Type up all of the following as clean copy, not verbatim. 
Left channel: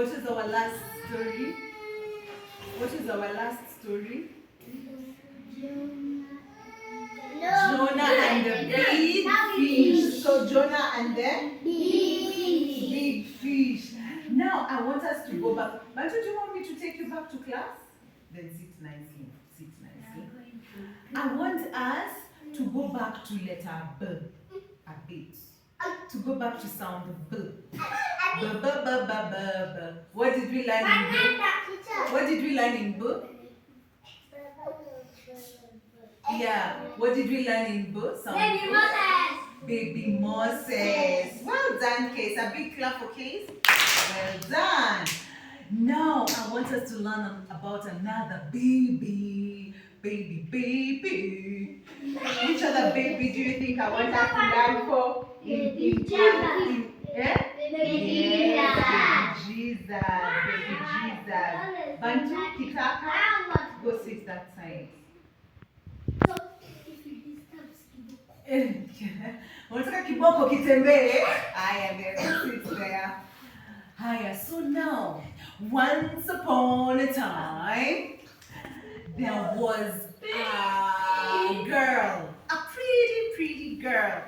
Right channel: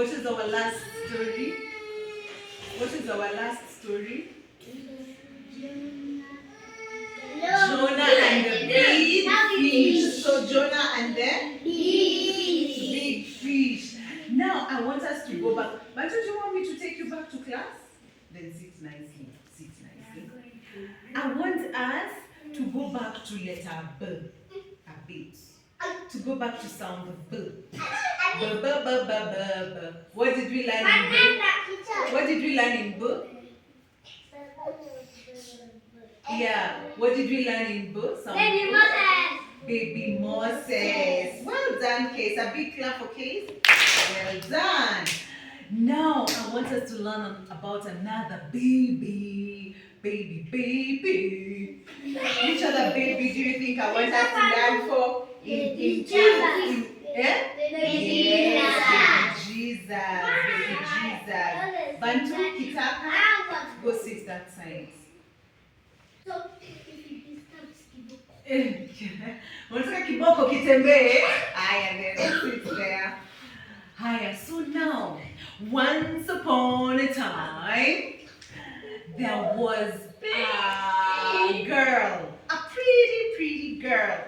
What is our last story? What is our last story? Jonah and the big fish. So Jonah and the big fish. Now I want us to go back. But do you want me to take you back to class? Then sit nicely. Sit nicely. I want us to go back to letter B a bit. To go back to sound B. B, B, B, B, B, B. What did we learn in B? What did we learn in B? Yeah. What did we learn in B? Sound Baby Moses. Baby Moses. Well done, Case. A big clap for Case. Well done. Now I want us to learn about another baby. Baby. Which other baby do you think I want us to learn for? Baby Jesus. Yeah? Baby Yes, baby Jesus. Baby Jesus. Bantu, Kitaka, go sit that side. Unataka kiboko kitembee? Haya, there, sit there. Haya, so now, once upon a time, there was a girl, a pretty girl,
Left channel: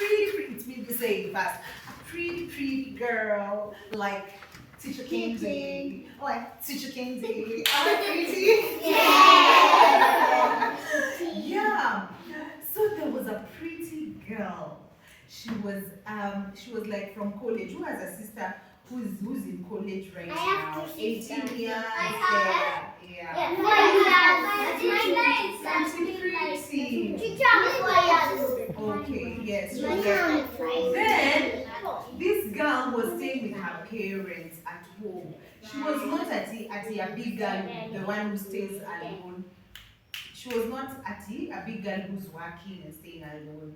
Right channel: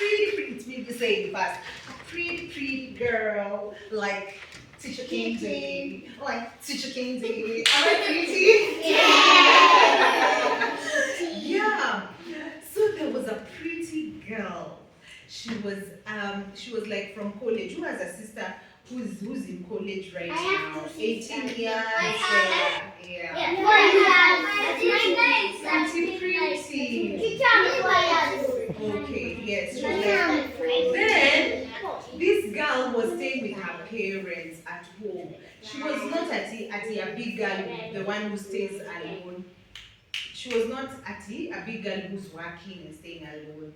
it's me to say it fast, a pretty girl, like Teacher Kenzie, like Teacher Kenzie, pretty? Yeah. So there was a pretty girl. She was like from college. Who has a sister who's in college right now? 18 years. Yeah. Pretty. Okay, yes. She was like, then this girl was staying with her parents at home. She was not at a big girl, the one who stays alone. She was not a big girl who's working and staying alone.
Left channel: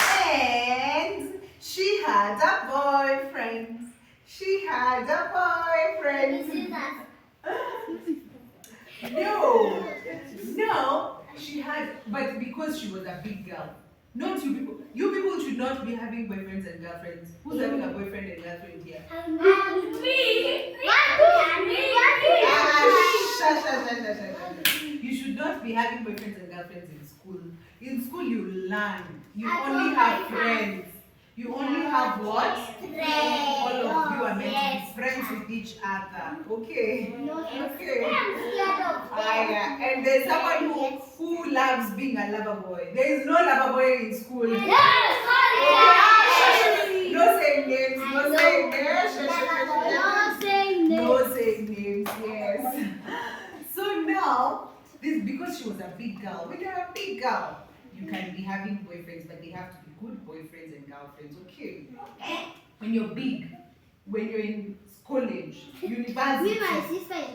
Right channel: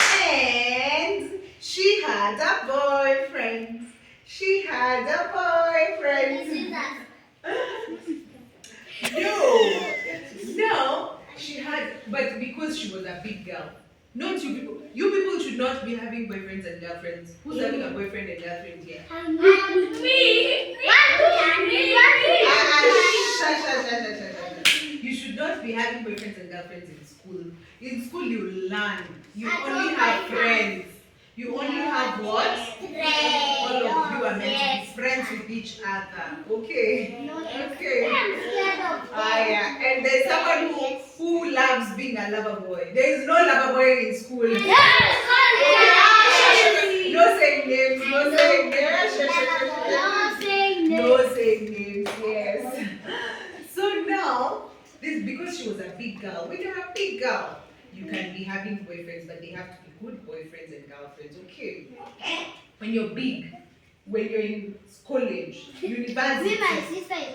And she had a boyfriend. No, she had, but because she was a big girl. Not you people. You people should not be having boyfriends and girlfriends. Who's having a boyfriend and girlfriend here? Me. You should not be having boyfriends and girlfriends in school. In school you learn. You only have friends. You only have what? All of you are meant to be friends with each other. Okay. Okay. Yeah. And there's someone who loves being a lover boy. There is no lover boy in school. No saying names. No saying names. Yes. So now, this because she was a big girl. When you're a big girl, you can be having boyfriends, but they have to be good boyfriends and girlfriends. Okay. When you're big, when you're in college, university.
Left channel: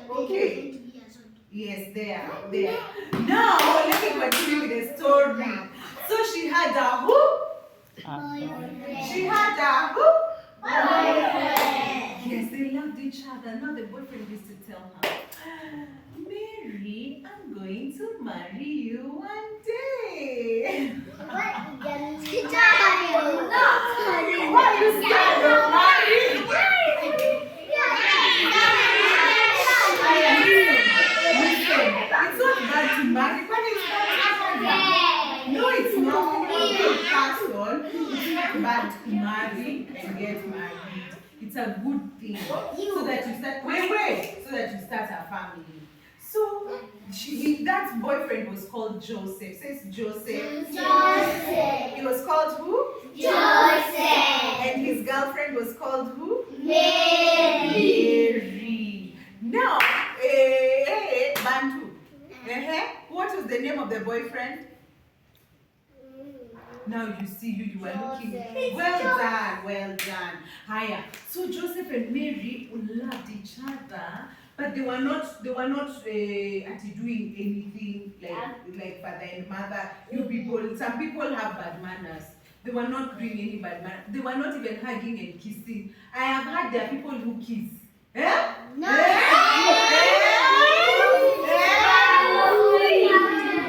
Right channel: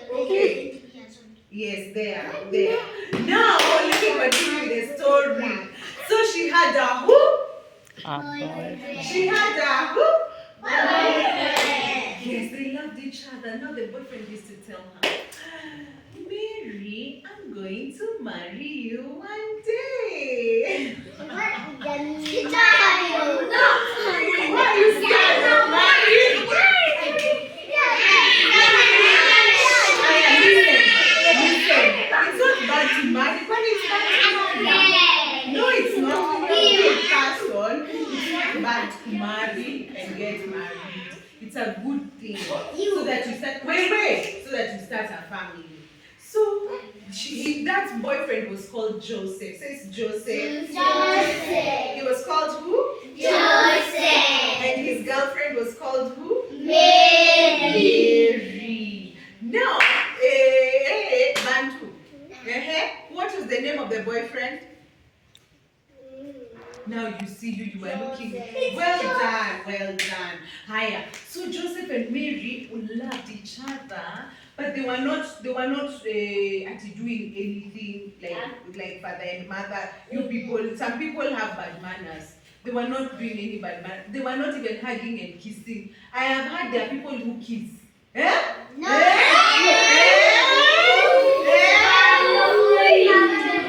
Okay. Yes, there. Now let me continue with the story. So she had a who? She had a who? Yes, they loved each other. Now the boyfriend used to tell her, Mary, I'm going to marry you one day. Why are you scared of marriage? Listen, it's not bad to marry, but it's bad to marry. No, it's not. It's not bad to marry and get married. It's a good thing. So that you start so that you start a family. So that boyfriend was called Joseph. Says Joseph. He was called who? Joseph. And his girlfriend was called who? Mary. Now, Bantu. What was the name of the boyfriend? Now you see you are looking. Well done. Higher. So Joseph and Mary loved each other, but they were not actually doing anything like father and mother. You people, some people have bad manners. They were not doing any bad manners. They were not even hugging and kissing. I have heard there are people who kiss. No.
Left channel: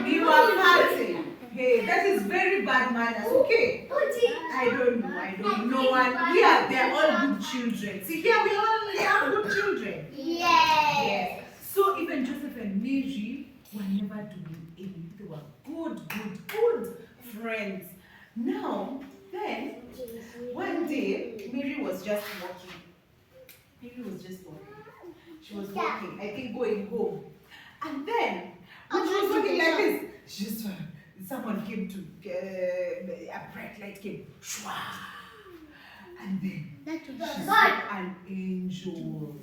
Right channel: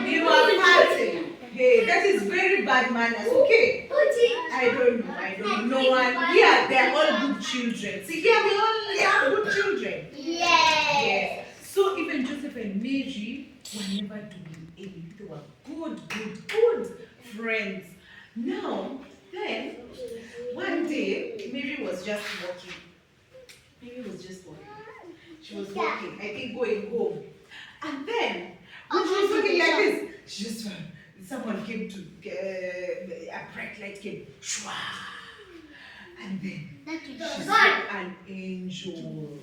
You are partying. Hey, that is very bad manners. Okay. I don't know. No one. Here, they are all good children. See, here we all have good children. never do anything. They were good friends. Now, then, one day, Mary was just walking. She was walking, I think going home. And then, when she was walking like this, she just someone came to, a bright light came. Shwa! And then, she saw an angel.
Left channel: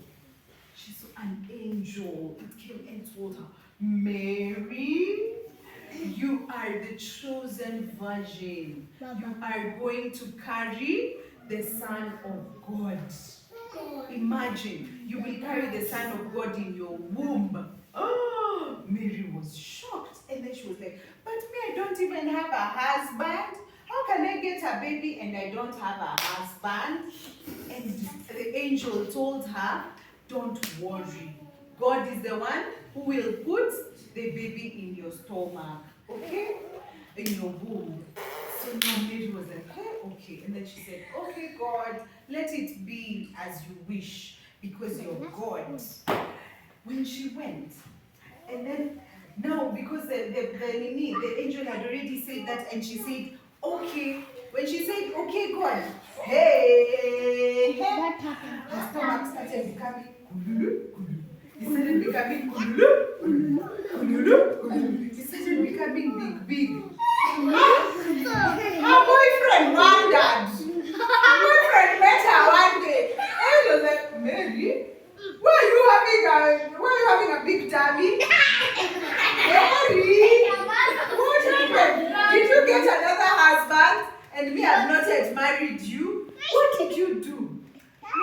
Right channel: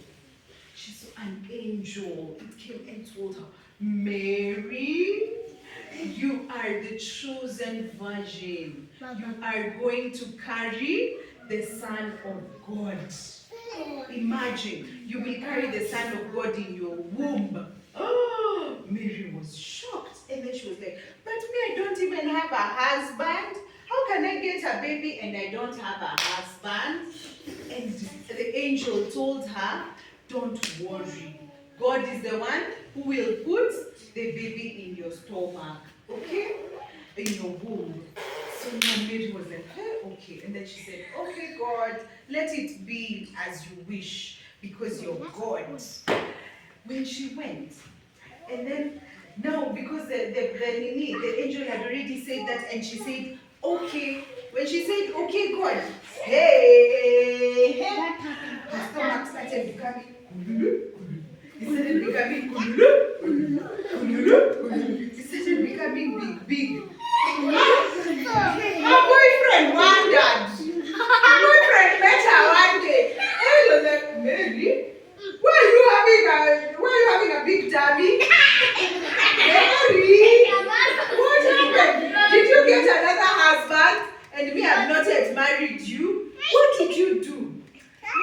She saw an angel. It came and told her, Mary, you are the chosen virgin. You are going to carry the Son of God. Imagine, you will carry the Son of God in your womb. Oh, Mary was shocked. And then she was like, but me, I don't even have a husband. How can I get a baby and I don't have a husband? And the angel told her, don't worry. God is the one who will put the baby in your stomach, okay? In your womb. So now Mary was like, hey, okay. And then she said, okay, God, let it be as you wish, because you're God. When she went, and then, no, because the angel had already said that, and she said, okay. When she said, okay, God, hey, the stomach started becoming it started becoming it started becoming big. Her boyfriend wondered. Her boyfriend met her one day. And he was like, Mary, why are you having a big tummy? Mary, what happened? Did you get another husband? And me, I've not yet married you. What did you do?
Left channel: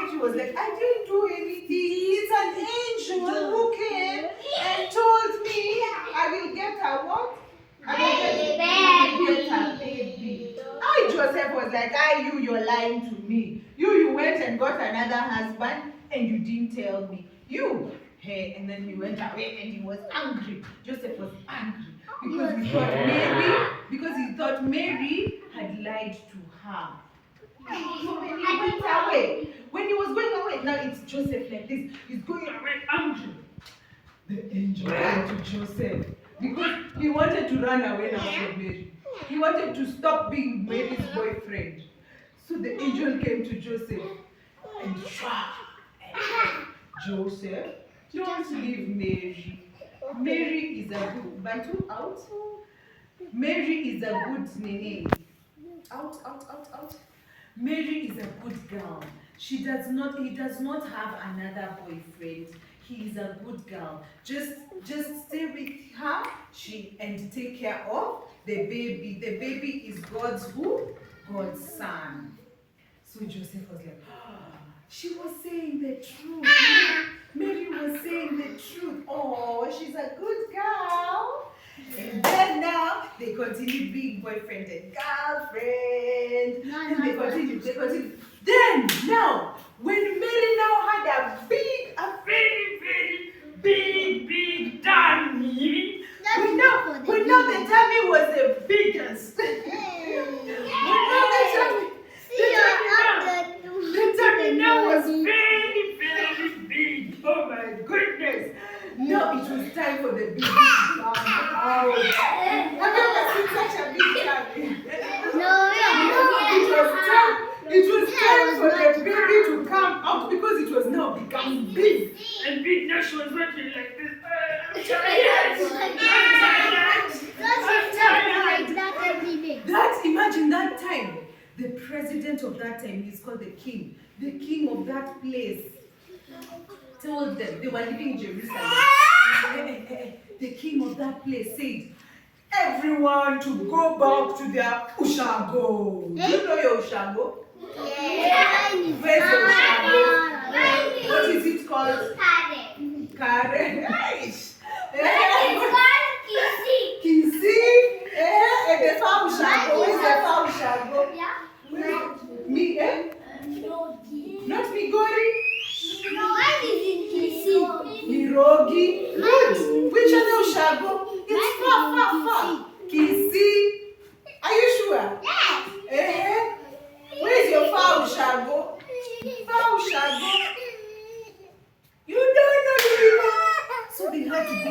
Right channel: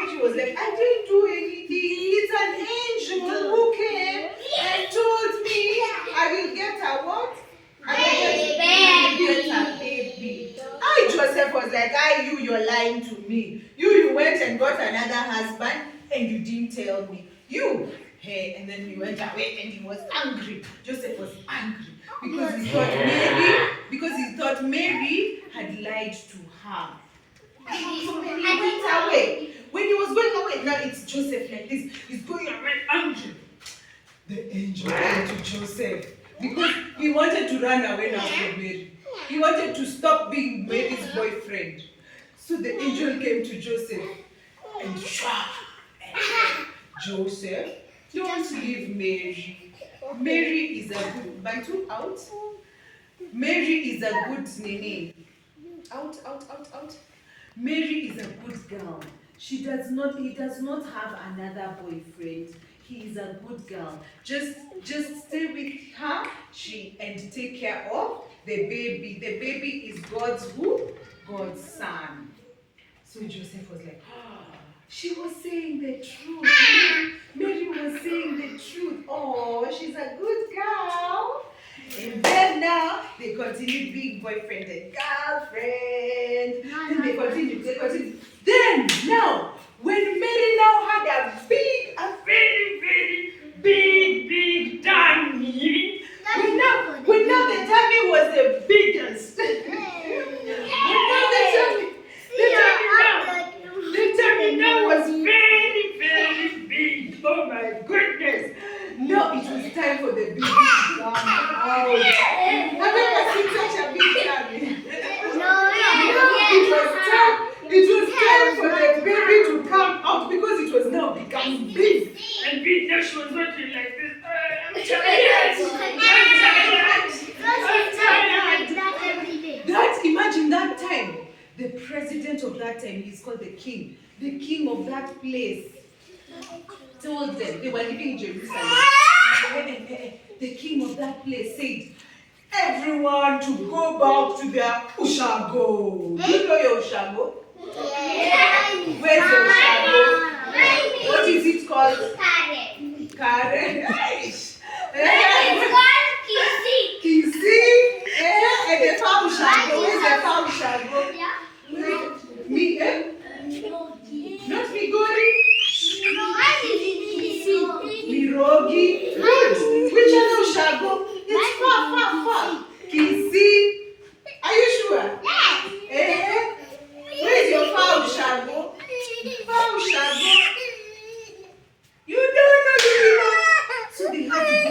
And she was like, I didn't do anything. It's an angel who came and told me I will get a what? I will get a baby. Joseph was like, you're lying to me. You went and got another husband and you didn't tell me. Hey, and then he went away and he was angry. Joseph was angry because he thought Mary had lied to her. So when he went away, when he was going away, now it's Joseph like this. He's going away angry. The angel came to Joseph because he wanted to run away now from Mary. He wanted to stop being Mary's boyfriend. So the angel came to Joseph and said, Joseph, don't leave Mary. Mary is a good Bantu out. Mary is a good nene. Out. Mary is a good girl. He does not have another boyfriend. He is a good girl. Just stay with her. And take care of the baby. The baby is God's who? God's son. So Joseph was like, she was saying the truth. Mary was saying the truth. Oh, she's a good girl. And then now they continued being boyfriend and girlfriend. And they continued. Then now, when Mary now had a very big tummy. When now the tummy was the biggest. The tummy now was very big. Oh my goodness. Now it was time for the baby to come out. I've never seen such a big tummy. No. It was time for the baby to come out because it was now becoming big. And big. Now she was working like this. I'm tired. Imagine that time. The president of that time, he's called the king. The king of that place told them, they were living in Jerusalem. The king of that place said, everyone to go back to their ushago. Do you know your ushago? Yes. Where's your ushago? What is it called? Karen. Nice. It's called Kisi. And the foul ushago. Where's the foul ushago? Me, Not Migori. Mirogi. Which other ushago? It's far. Kisi. Are you sure? Yes. Where's your foul ushago? Foul ushago. You don't know. So they had to go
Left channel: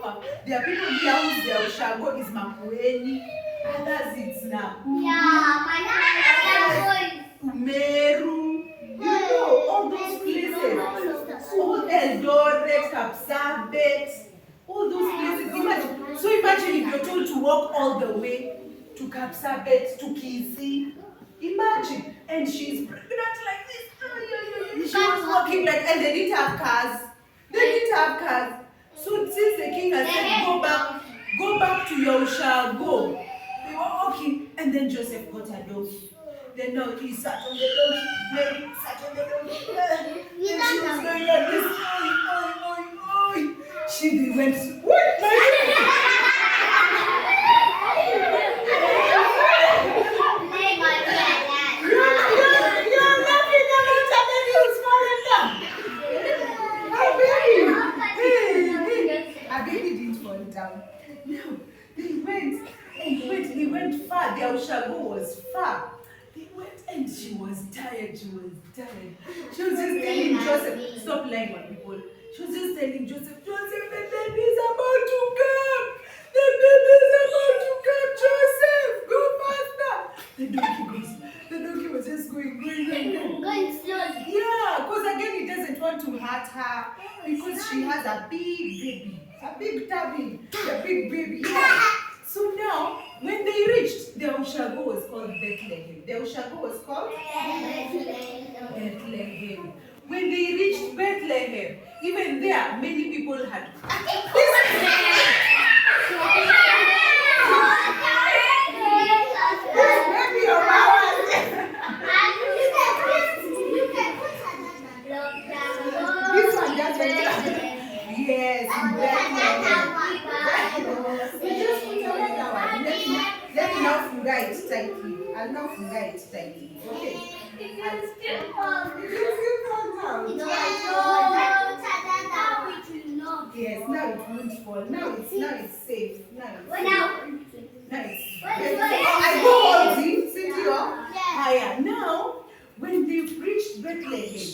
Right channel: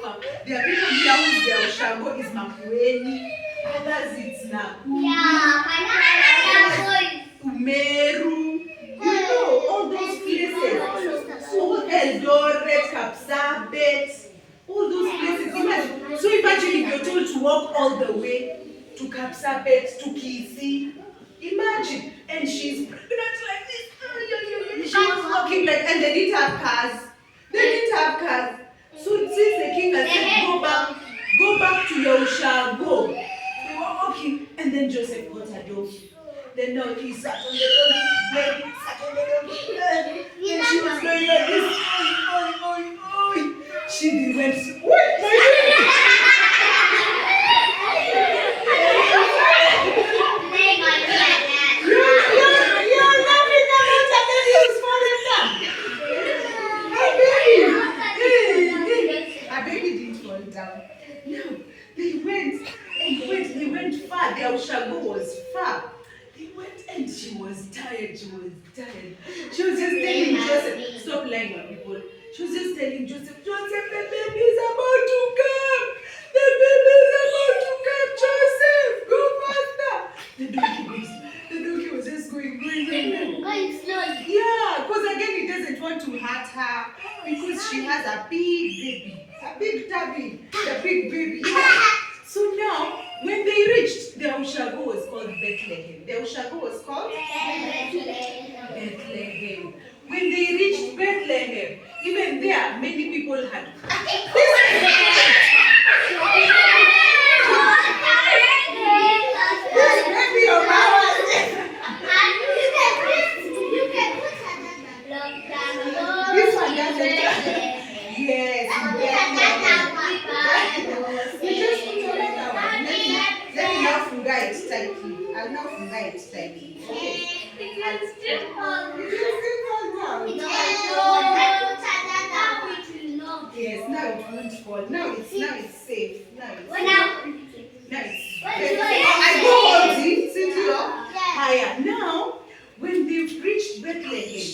far. There are people here whose their Ushago is Makueni, others it's Nakuru, Yeah, Umeru, you know, all those places. All Eldoret, Kapsabet, all those places. Imagine. So imagine if you're told to walk all the way to Kapsabet, to Kisi. Imagine. And she's pregnant like this. She was walking like, and they didn't have cars. They didn't have cars. So since the king has said, go back to your Ushago. They were walking, and then Joseph got a donkey. Then no, he sat on the donkey, baby sat on the donkey. And she was going like this. Oi. She went, what? You're laughing about a baby who's falling down. A baby didn't fall down. No, they went far. Their Ushago was far. They went and she was tired. She was just telling Joseph, stop lying on people. She was just telling Joseph, the baby is about to come. The baby is about to come. Joseph, go faster. The donkey was just going. Going slowly. Yeah, because again, it doesn't want to hurt her because she has a big baby, a big tummy, a big baby. Yeah. So now, when they reached, the Ushago was called Bethlehem. The Ushago was called Bethlehem. When they reached Bethlehem, even there, many people had. Maybe your mama. This one doesn't. Yes, we just put another one. Let me now finger it tightly. I'll now finger it tightly. Okay. It will still fall down. Yes, now it won't fall. Now it's safe. Now it's I go hold it. Sit here. Higher. Now, when they reached Bethlehem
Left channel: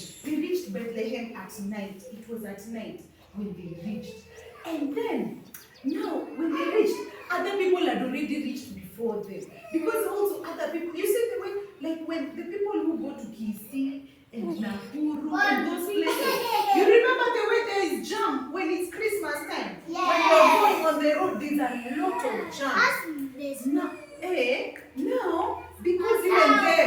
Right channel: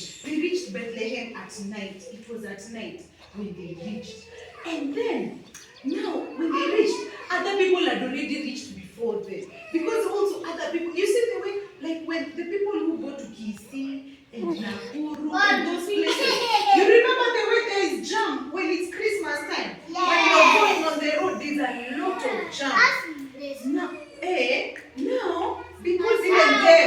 at night. It was at night when they reached. And then, now, when they reached, other people had already reached before them. Because also other people, you see the way, like when the people who go to Kisi and Nakuru and those places, you remember the way there is jam when it's Christmas time? When you're going on the road, there's a lot of jam. Now, because even then,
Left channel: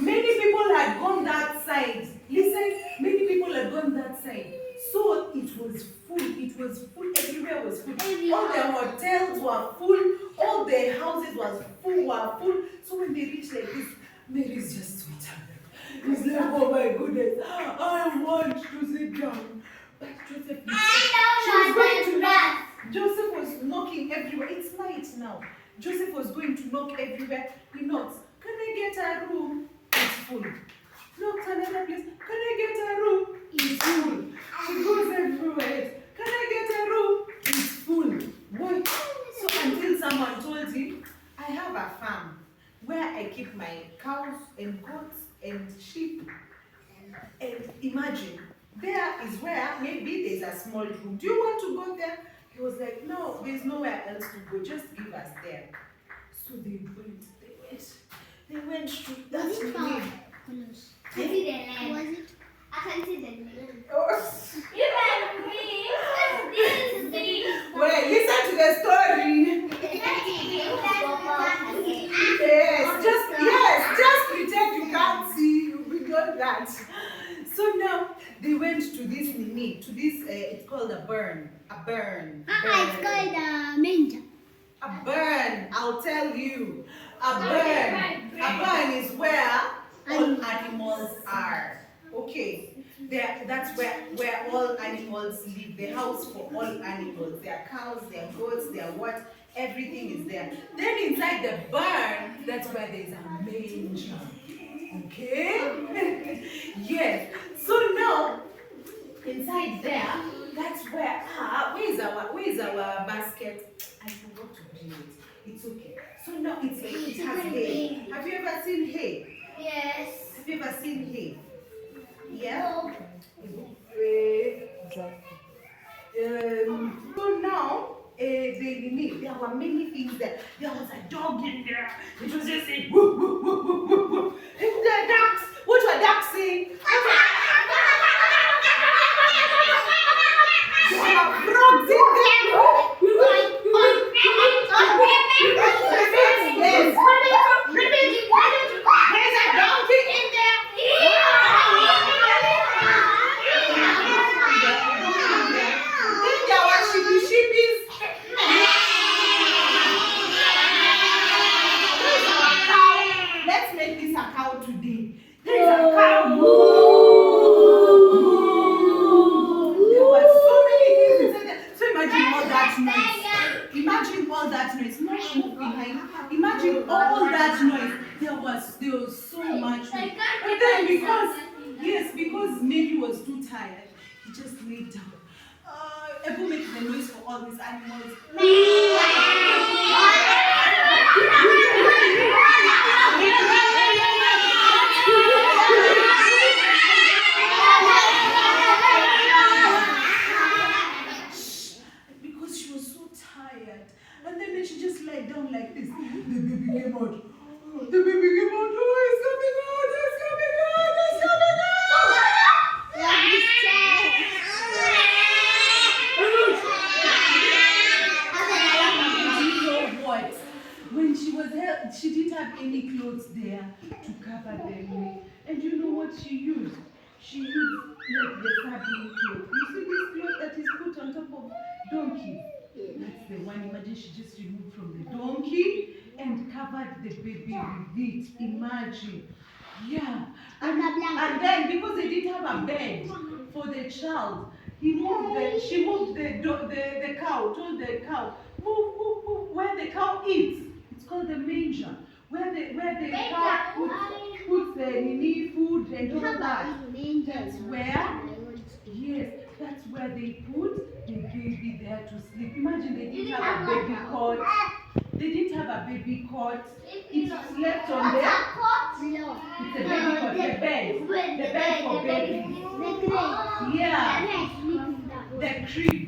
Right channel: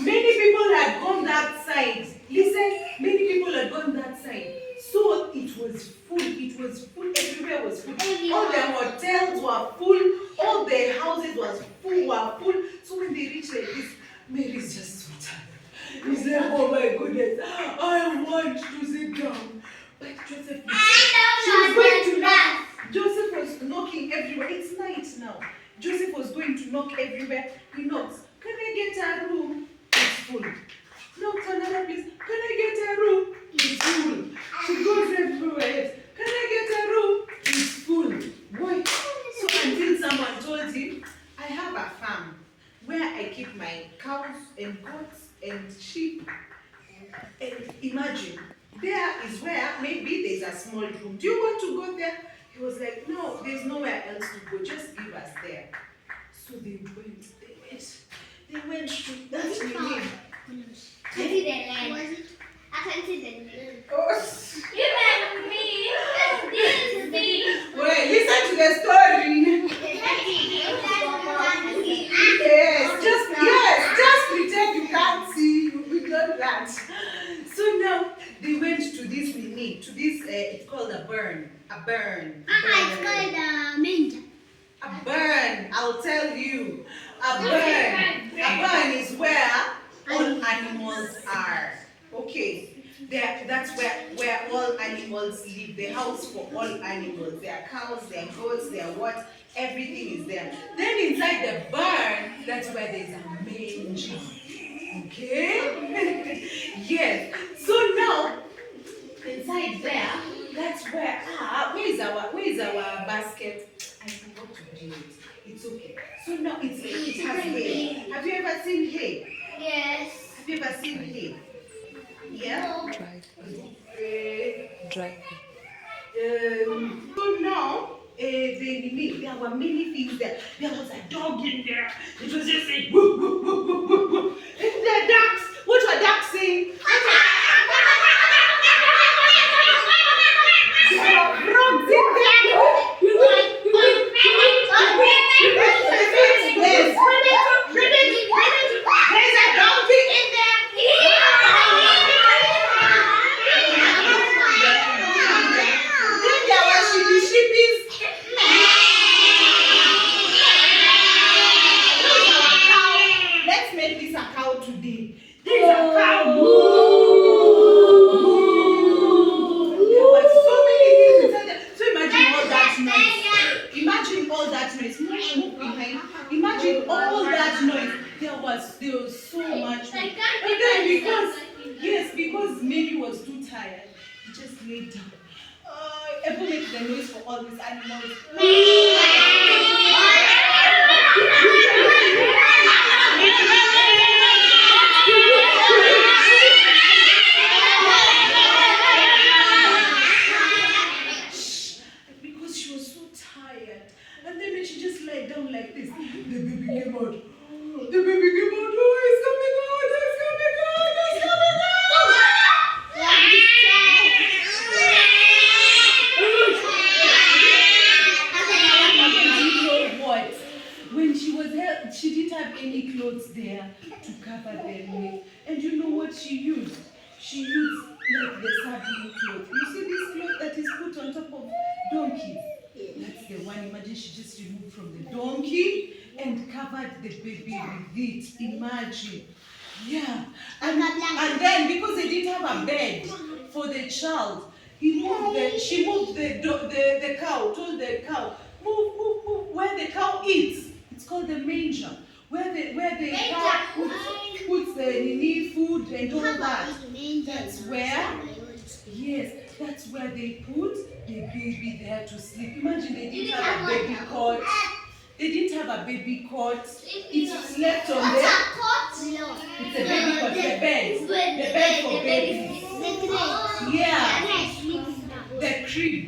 many people had gone that side. Listen, many people had gone that side. So it was full, everywhere was full. All the hotels were full, all the houses were full. So when they reached like this, Mary's just so tired. He's like, oh my goodness, I want to sit down. But Joseph was going to knock. Joseph was knocking everywhere. It's night now. Joseph was going to knock everywhere. He knocks. Can I get a room? It's full. Knocks another place. Can I get a room? It's full. She goes everywhere. Can I get a room? It's full. Why? So until someone told him, I have a farm where I keep my cows and goats and sheep. And imagine, there is where maybe there's a small room. Do you want to go there? He was like, no, there's nowhere else to go. Just give us there. So they went to that meeting. I see the land. I can see the land. Oh. You met me. This is the Wait, listen to the story. Just pretend you can't see. We don't that. So now they went to this it's called a burn. It's called a manger. A burn, I'll tell you. A burn is where all animals are. Okay. That's where all animals live. The house for all animals. Their cows, their goats, their what, everything is there. Then inside the barn, that's where there's a manger. Okay? Yes. So now, inside there, that's where where's our basket? I forgot to bring it. It's okay. So now it's like it has hay. Have you ever seen hay? Yes. Have you ever seen hay? Yeah? Dry. So now, there were many things there. There was a dog in there. It was just saying, woo, woo, woo, woo, woo, woo. And there are ducks. What were ducks saying? There were frogs in there. Yes. There's a donkey in there. Then there were sheepies. Let's make this a cow today. There is a cow. There were so many things inside there. So imagine all that noise. Imagine all that noise. Move behind. Imagine all that noise. There was so much noise. And then because Mary was too tired, he just laid down. Ebu makes the noise for all these animals. Because she was so tired. And then she just laid down like this. The baby came out. The baby came out. Oh, it's coming out. It's coming out. It's coming out. You know what? When she didn't have any clothes there to cover their neck. And you know what she used? She used like the sardine cloth. You see this cloth that is put on top of donkeys? That's the one. Imagine she just removed from the donkey and covered the baby with it. Imagine. Yeah. And then because they didn't have a bed for the child, she moved the cow, told the cow, move, where the cow eats. It's called the manger. Where the cow puts the nini food and all that. That's where they put the baby there to sleep. Imagine they didn't have a baby cot. They didn't have a baby cot. It slept on there. It's a baby cot, the bed for babies. Yeah, the crib.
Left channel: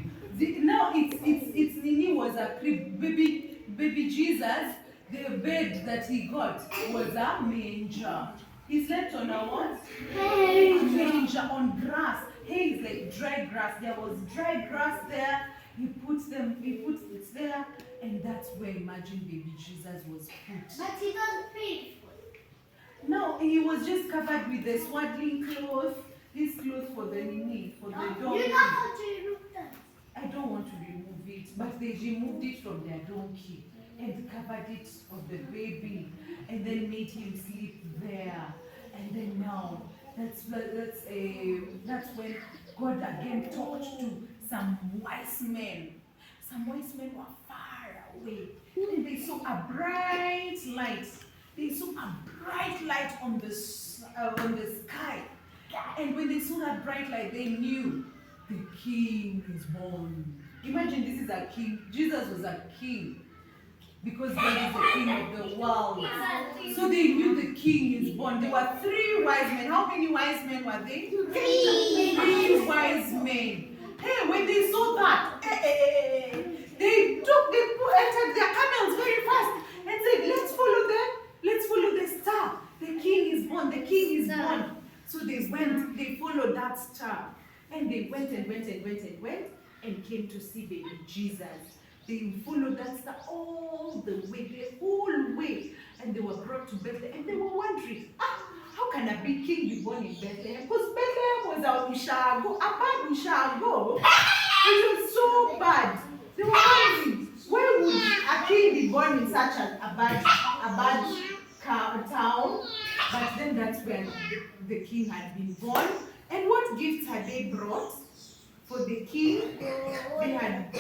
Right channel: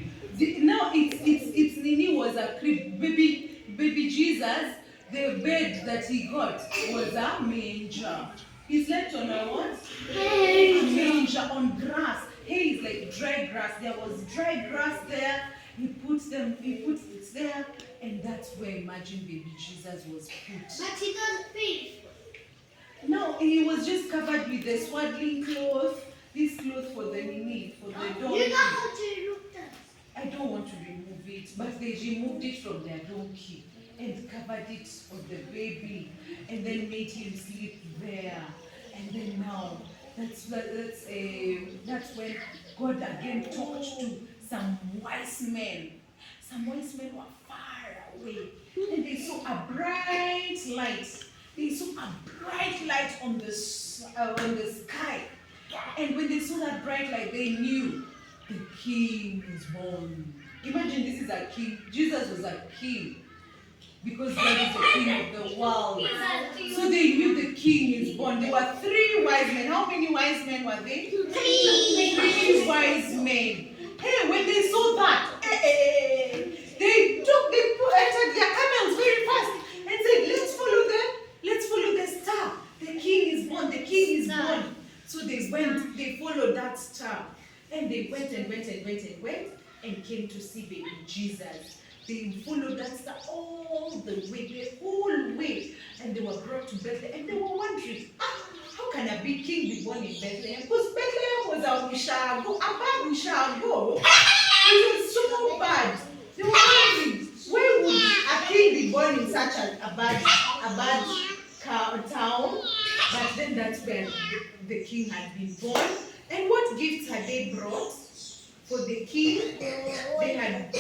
Now it's Nini was a crib. Baby Jesus, the bed that he got was a manger. He slept on a what? A manger on grass. Hay is like dry grass. There was dry grass there. He puts it there, and that's where imagine baby Jesus was put. But he doesn't feed. No, he was just covered with the swaddling cloth. This cloth for the nini, for the donkey. You know how to remove that? I don't want to remove it, but they removed it from their donkey and covered it of the baby, and then made him sleep there. And then now, that's when God again talked to some wise men. Some wise men were far away, and they saw a bright light. They saw a bright light on the sky. And when they saw that bright light, they knew the king is born. Imagine this is a king. Jesus was a king. Because God is the king of the world. So they knew the king is born. There were 3 wise men. How many wise men were they? 3 wise men. Hey, when they saw that, they entered their camels very fast and said, let's follow them. Let's follow the star. The king is born. The king is born. So they followed that star. And they went and came to see baby Jesus. They followed that star all the way, the whole way. And they were brought to Bethlehem. And they were wondering, how can a big king be born in Bethlehem? Because Bethlehem was a bad Ushago. It was so bad. They were wondering, why would a king be born in such a bad town? But then that's where the king had been born. And what gifts had they brought for the king? They had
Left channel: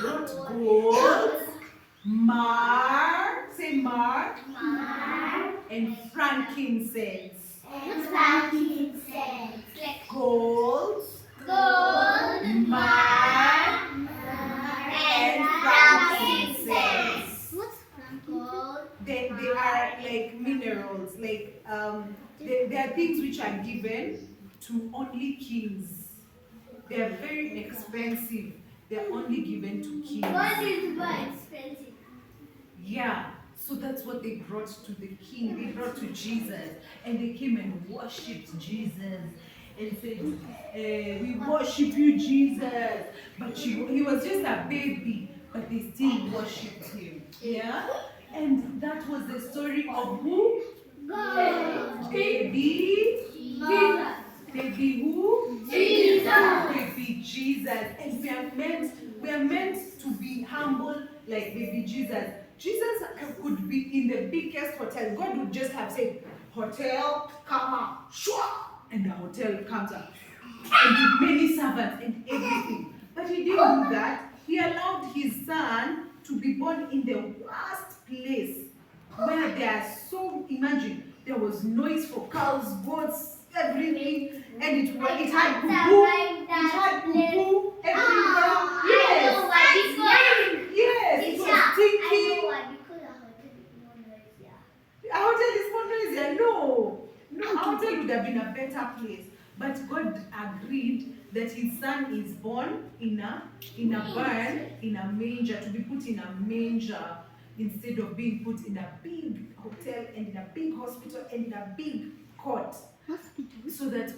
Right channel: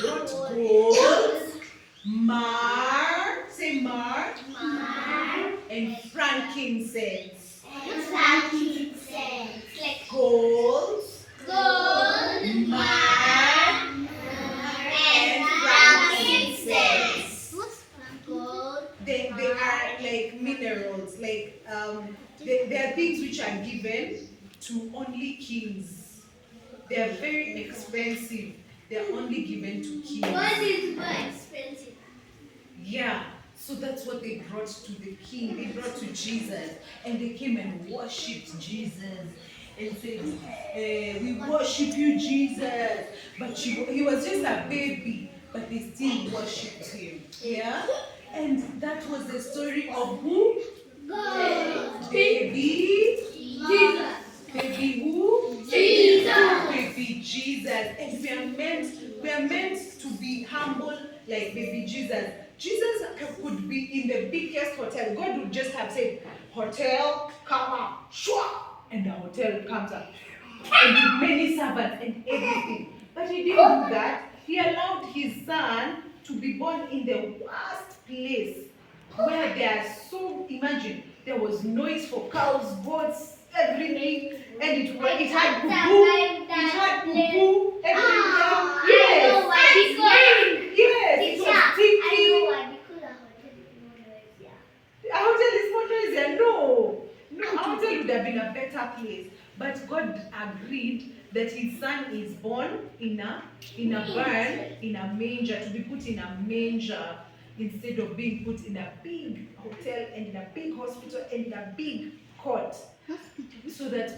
brought gold, myrrh, and frankincense. Gold, myrrh, and frankincense. They are like minerals, like they are things which are given to only kings. They are very expensive. They're only given to kings. What is more expensive? Yeah, so that's what they brought to the king. They brought to Jesus, and they came and worshipped Jesus and said, "We worship you, Jesus." But he was just a baby, but they still worshipped him. Yeah, and that was the story of who? God. Baby. Jesus. Baby who? Jesus. Baby Jesus. And we are meant to be humble like baby Jesus. Jesus could be in the biggest hotel. God would just have said, "Hotel, come up," shua, and the hotel comes up. And with many servants and everything. But he didn't do that. He allowed his son to be born in the worst place where there are so, imagine, there was noise for cows, goats, everything, and it had poo everywhere. Yes. I know why. Yes, it was stinking. I know why. Because A hotel is more noisier. No, a hotel would have been a better place. But God agreed that his son is born in a barn, in a manger, to be put in a manger instead of being put in a big hotel and in a big hospital and in a big court. So that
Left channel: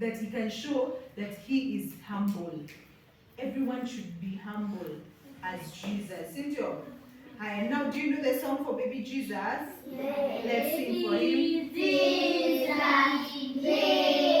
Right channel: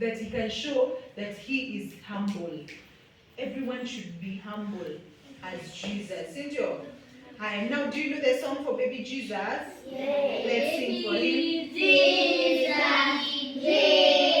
that he can show that he is humble. Everyone should be humble as Jesus. Cynthia, hi. Now, do you know the song for baby Jesus? yes. Let's sing for him. Jesus.